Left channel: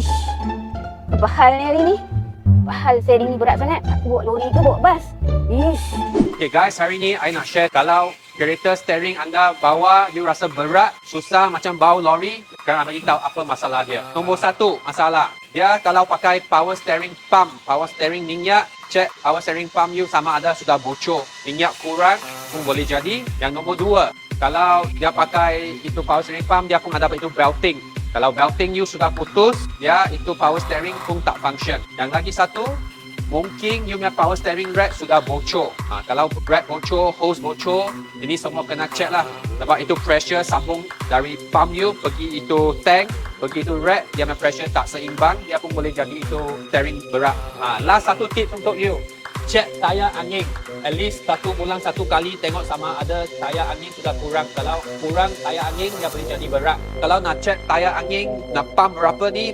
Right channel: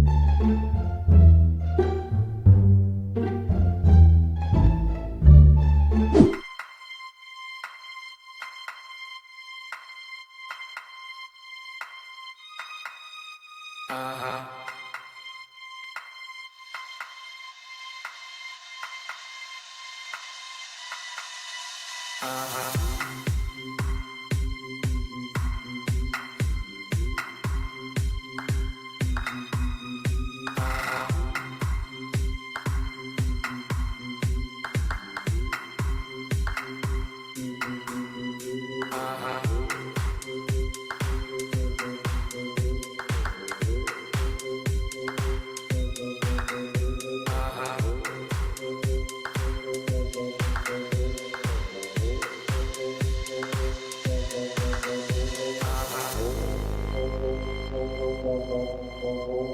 Ish, apa hal ni hari ni? Apa hal sharing ni berat sangat? Aku bawa lori ke bawa bas? Ish. Okay guys, hari ni I nak share kalau kereta steering anda bawa you rasa berat, susah macam bawa lori, sekarang I beritahu apa masalah dia. Nombor satu masalah, dia kalau pakai power steering pump, power steering minyak, cek power steering pump you sama ada sudah bocor, minyak kurang pun boleh jadi. Yang nombor dua, kalau dia pakai itu power steering pump, dia pun ada itu belting. Kalau belting you sudah putus, dia itu power steering pun tak function. Yang lagi satu, mungkin you punya power steering rack sudah bocor. Kalau rack bocor, hose bocor, ini semua kena check lah. Sebab itu pressure sambung dari pump you pergi itu tank, pergi itu rack, dia punya pressure tak seimbang, dia pun boleh jadi itu steering berat. Last satu tip untuk you, check tayar angin. At least 1 bulan 1 kali tengok sama ada tayar angin sudah kurang. Kalau kurang tayar angin, dia boleh jadi berat. Kalau nak check tayar angin, nak pump berapa ni,